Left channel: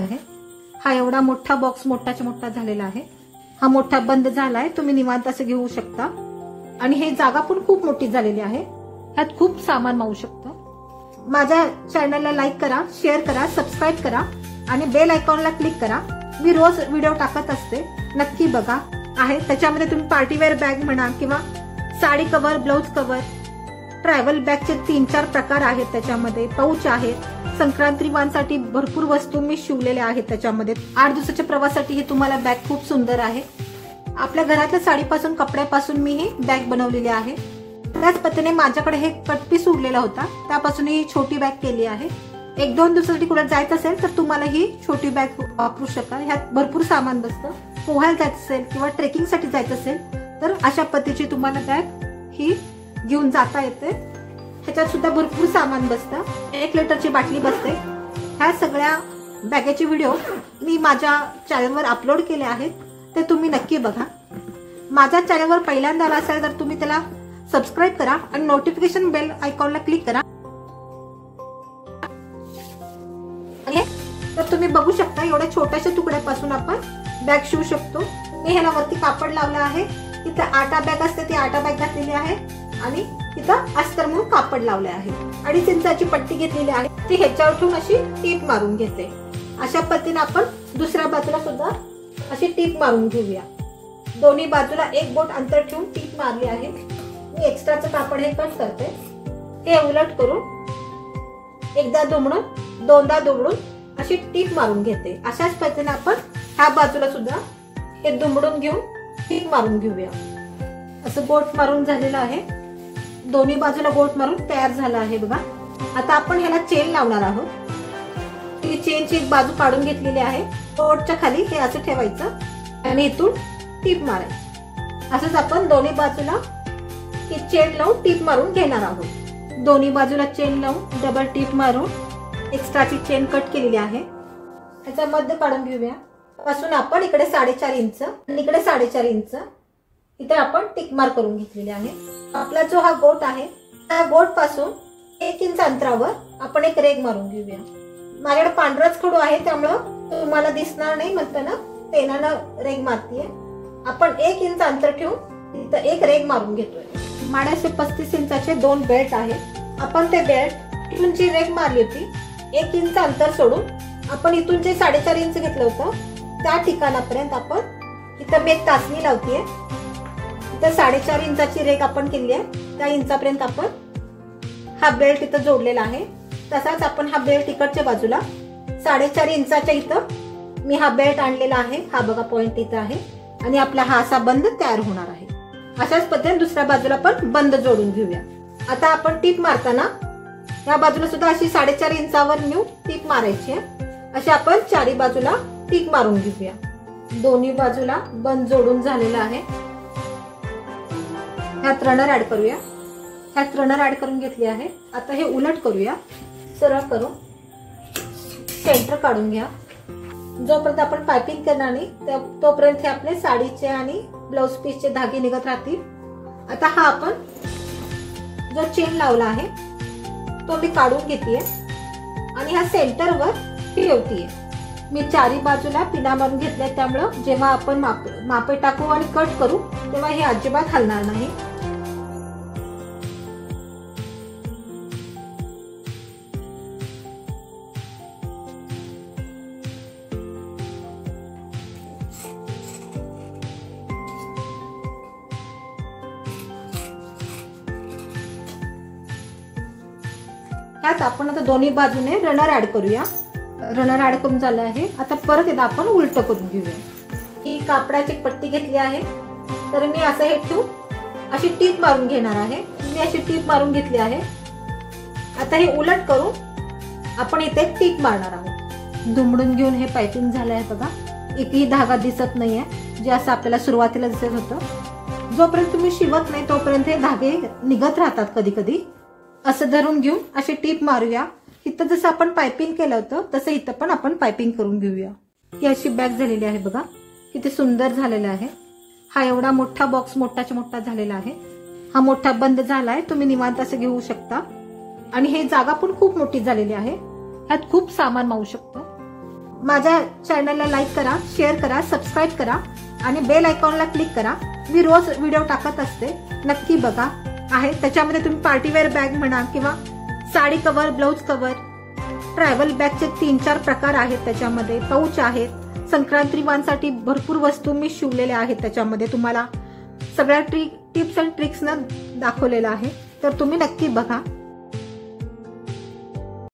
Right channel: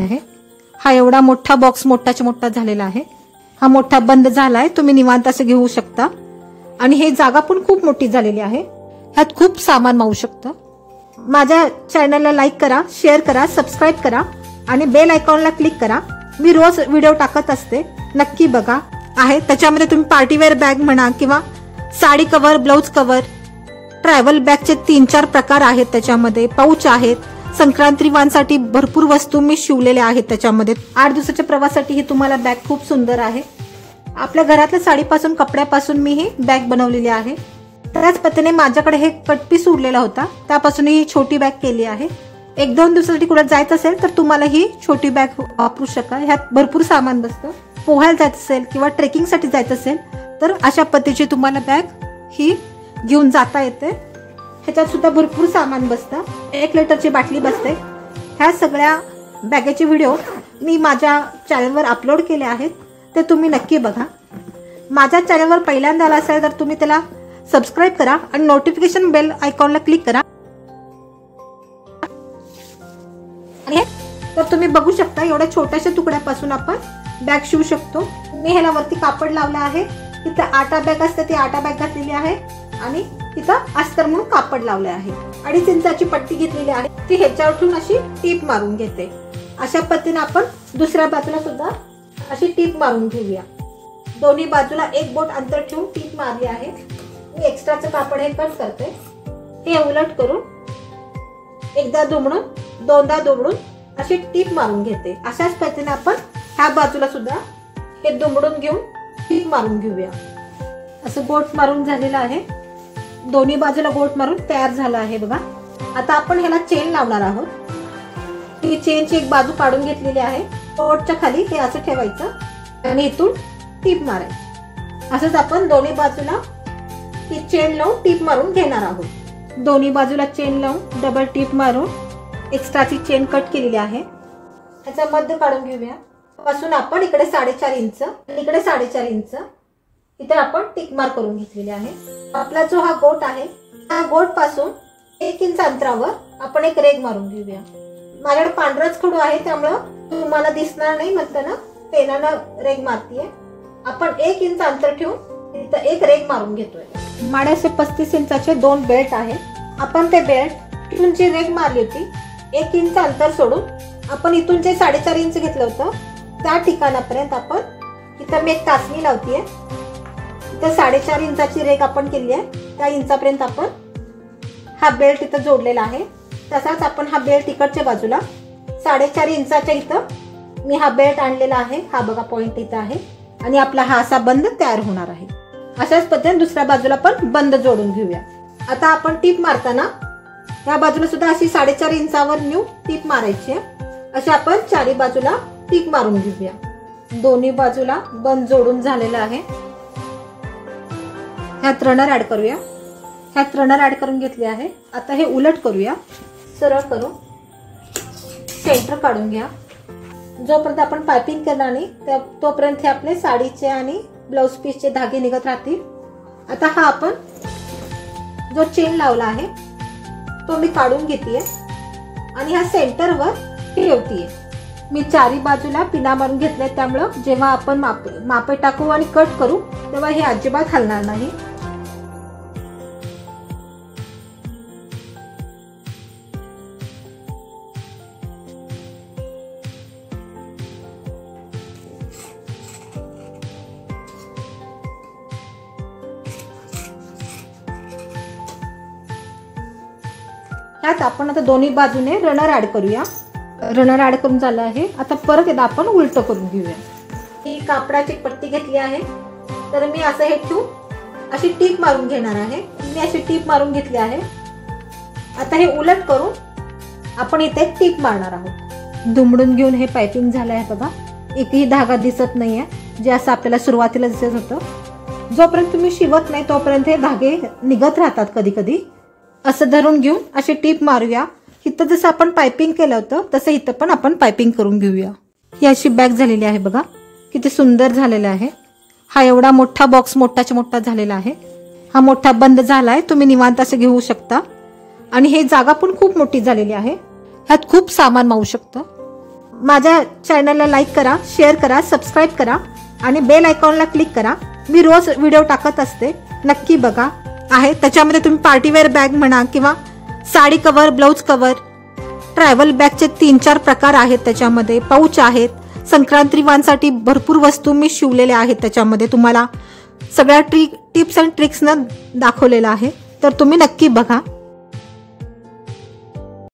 आहे। हा एवढा मोठा बॉक्स मोठाच्या मोठा झालेला आहे। हा मोठा बंद झालाय, तुम्ही निवांत असं घेऊ शकता। आणि हे जागा पण खूप मोठी झालेली आहे, ह्यात खूप सामान मावू शकतं। माझ्या चॅनलला लाईक करा, शेअर करा, सबस्क्राईब करा आणि बेल आयकॉनला क्लिक करा। मी रोज व्हिडिओ टाकत असते, नक्की बघा। आहे त्याच्यामध्ये तुम्ही पार्टीवेअर बॅग म्हणा किंवा sari cover, blouse cover, travel बॅगचे 3-4 प्रकार आहेत त्याच्यामध्ये, पाऊच आहेत, संक्रांती वाणसाठी भरपूर वस्तू मी शिवलेल्या आहेत त्याच्यामध्ये। 8 दिवसाच्या प्रवासासाठी ही तुम्हाला बॅग खूप सुंदर आहे। आपल्या घरातल्या साडीपासून, कपड्यापासून मी ही बॅग बनवलेली आहे। त्याच पद्धतीने माझ्याकडे हे कटपीस उरलेला होता, त्यापासून ही छोटी बॅग केली आहे। 1-2 दिवसासाठी कुठे जायचं असेल तर तुम्हाला ही छोटी बॅग वापरू शकाल। ह्यात भरपूर सामान बसतं। पोहायला जायचं असेल किंवा ट्रेकिंगसाठी जायचं असेल तर अशा पद्धतीची तुम्हाला बॅग ही घेऊन जाता येते। ह्याच्यात सुद्धा भरपूर सामान बसतं। 1 लिटरची बाटली बसते। ह्या सगळ्या बॅगेचे व्हिडिओ मी माझ्या चॅनलवर अपलोड केले आहेत, ते तुम्ही नक्की बघा। माझ्या चॅनलवर पहिल्यांदा आला असेल तर तुम्ही त्याला सबस्क्राईब करा आणि नोटिफिकेशन बेल आयकॉनला क्लिक करा। तर तुम्ही बघू शकता एवढ्या छोट्याशा तुकड्यापासून आपण बॅग शिवू शकतो। मी ह्याला वरती कापड लावलं आहे, तिथे आटा बॅग असते ती आटा बॅग घातलेली आहे आणि तिथं अस्तर म्हणून कापड लावले आहे। 2.5 इंचाची पट्टी घेतलेली आहे, ती ह्याच्यावर ठेवून अशी टीप मारून घेते। अशा पद्धतीने आपण दुसऱ्या बाजूला सुद्धा अशी टीप मारून घेऊया। दोन्ही बाजूला 1 बोट अंतर ठेवून टीप मारली आहे। मी एक्स्ट्राचं कापड हे कट करते। हे उलट करून एकदा दुमडून, दोनदा दुमडून अशी टीप मारून घेते। अशाच पद्धतीने आपण ह्या बाजूला सुद्धा हे दुमडून घेऊन टीप मारून घेऊया। असं बोट मारून झालेलं आहे, दोन्ही बाजूला बोट मारून तयार झालं आहे बघा। आता आपण ह्याला चेन लावणार आहोत। ही चेनची एक बाजू काढून घेतलेली आहे, बोटच्या खाली हे असं ठेवायचं आणि इथून टीप मारायची। असंच आपण दोन्ही बाजूला ही चेन लावून टीप मारून घेणार आहोत। दोन्ही बाजूला चेन लावून डबल टीप मारून एक्स्ट्राची चेन कट केलेली आहे। ह्याचा मध्य काढून घेऊया। पासून आपण इकडे 4.5 इंच, इकडे 4.5 इंच इथे आपण टिक मार्क करून घेतलेले आहे। आपला जो हा गोट आहे, त्या गोट पासून 1 इंच अंतरावर आपण एक रेघ मारून घेऊया। माझ्याकडे पांढराच खडू आहे त्यामुळे तुम्हाला दिसणार नाही, म्हणताना पेनानं रेघ मारतीये। आपण 1 इंच अंतर ठेवून इथं एक रेघ मारून घेतोय। माझ्याचे 35 इंचाचे 2 बेल्ट आहे। आपण ते बेल्ट इथून जी रेघ मारली होती 1 इंच अंतर सोडून आपण इथून जे 4.5 इंच घेतलं होतं त्या ठिकाणापर्यंत आपण इथं मी एक टाचणी लावतीये। इथं 4.5 इंचाची रेघ आपण केली आहे, त्या इंचापर्यंत आपण हा बेल्ट इथं जोडलेला आहे। तसाच आपण हा बेल्ट इकडच्या बाजूला 4.5 इंचाच्या इथं मी हा बेल्ट आणलेला आहे। हा बघा पॉइंट इथं आहे आणि आपला हा असा बंद तयार होणार आहे। अशाच पद्धतीने दुसऱ्या बाजूला पण बंद जोडून घेऊया। आता आपण टीप मारताना या बाजूला सुद्धा अशी 4.5 इंचावर न्यू टीप मारायची आहे। अशी आपण चारी बाजूला टीप मारून घेऊया। दोन्ही बाजूला बंद जोडून झालेला आहे। ह्यात रनर ऍड करूया। ह्यात रनर ऍड करून घेतली आहे। आता हे उलट करूया, सरळ करून सेंटर काढून घ्या। जोपर्यंत आपण पायपिंग करणार नाही तोपर्यंत हे आपले साडीचे आणि ब्लाउज पीसचे धागे निघत राहतील। आता हा आपण जो चेन लावला आहे तो मी काढून घेतेय आणि हा सेंटरवर ठेवतेय। मी चारी बाजूला पिना मारून घेतले, त्यामुळे जेव्हा आपण मापे टाकू आणि कट करू तेव्हा हे अजिबात हलणार नाही। ह्यात आपण आता दोन्ही बाजूने रनर ऍड करूया। रनर ऍड करून झालं आहे। आता परत एकदा आपण उलट करून घेऊया। ही कापडाची पट्टी घेतली आहे, तर मी असं हे ठेवून अशी टीप मारून घेणार आहे। मी अशी टीप मारून घेतली आहे। आता हे उलट करून आपण इथे टीप मारणार आहोत। दुमडून घेऊन हे पायपिंग झालं आहे बघा। एकही धागा दिसत नाहीये, जे असं आपल्याला सुरुवातीला दिसत होतं। जोपर्यंत तुम्ही शिवत नाही तोपर्यंत हे धागे निघत राहतात कधी कधी। असं धरून घेऊन अशी टीप मारूया। इथं जसं आपण पायपिंग केलं होतं तसं इथं पण आपण पायपिंग करून घेऊया। ही अशी बॅग झालेली आहे बघा, किती सुंदर झालेला आहे। हा एवढा मोठा बॉक्स मोठाच्या मोठा झालेला आहे। हा मोठा बंद झालाय, तुम्ही निवांत असं घेऊ शकता। आणि हे जागा पण खूप मोठी झालेली आहे, ह्यात खूप सामान मावू शकतं। माझ्या चॅनलला लाईक करा, शेअर करा, सबस्क्राईब करा आणि बेल आयकॉनला क्लिक करा. मी रोज व्हिडिओ टाकत असते, नक्की बघा. आहे त्याच्यामध्ये तुम्ही पार्टीवेअर बॅग म्हणा किंवा sari cover, blouse cover, travel बॅगचे 3-4 प्रकार आहेत. त्याच्यामध्ये पाऊच आहेत. संक्रांती वाणसाठी भरपूर वस्तू मी शिवलेल्या आहेत. त्याच्यामध्ये तुम्हाला सगळ्या टिप्स अँड ट्रिक्सनं दाखवलेलं आहे, तर तुम्ही नक्की बघा.